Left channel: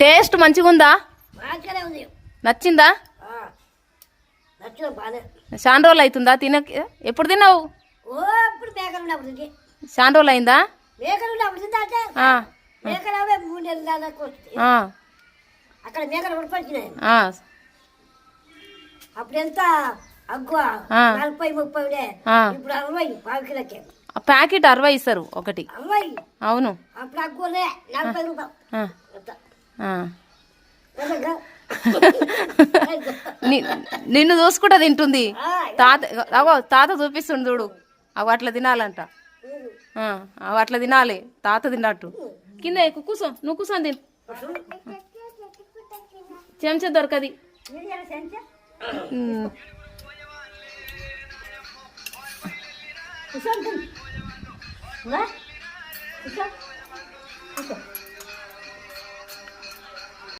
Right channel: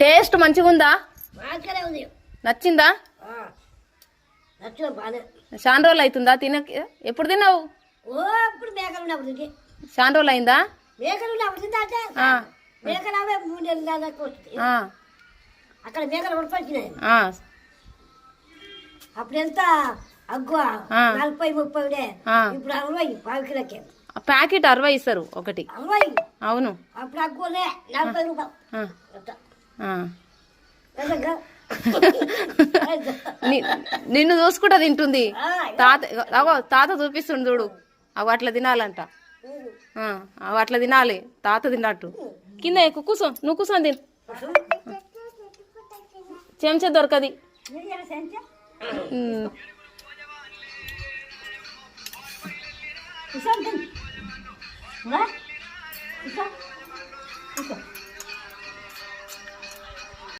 Taste మంచిగా ఉందా? నచ్చిందా? చాలా రోజులు అవుతుందా తినక? ఎప్పుడు తిన్నావు? చాలా రోజులు అయిందా? అక్కడ మేకలు ఉడిపచ్చినాయి. అప్పుడు ఎంత అగ్గువ 40-30 ఇప్పుడు 60 పావు కిలోకే. ప్యాకెట్ 60 ఇస్తారు ఒకటి. 60 అవును. అప్పుడు అగ్గువలే 40 రూపాయలు. నిన్ను చూసుకుంటా తింటుంది. తాత అగో తాత చూపిస్తుండు చూడు. అవి అట్లా తినాలంట. అవి అట్లా తినాలి. తాత తిన్నట్టు. కింద కూర్చో, నువ్వు కూర్చొని తిను. చెంచా దొరకది. కూర్చో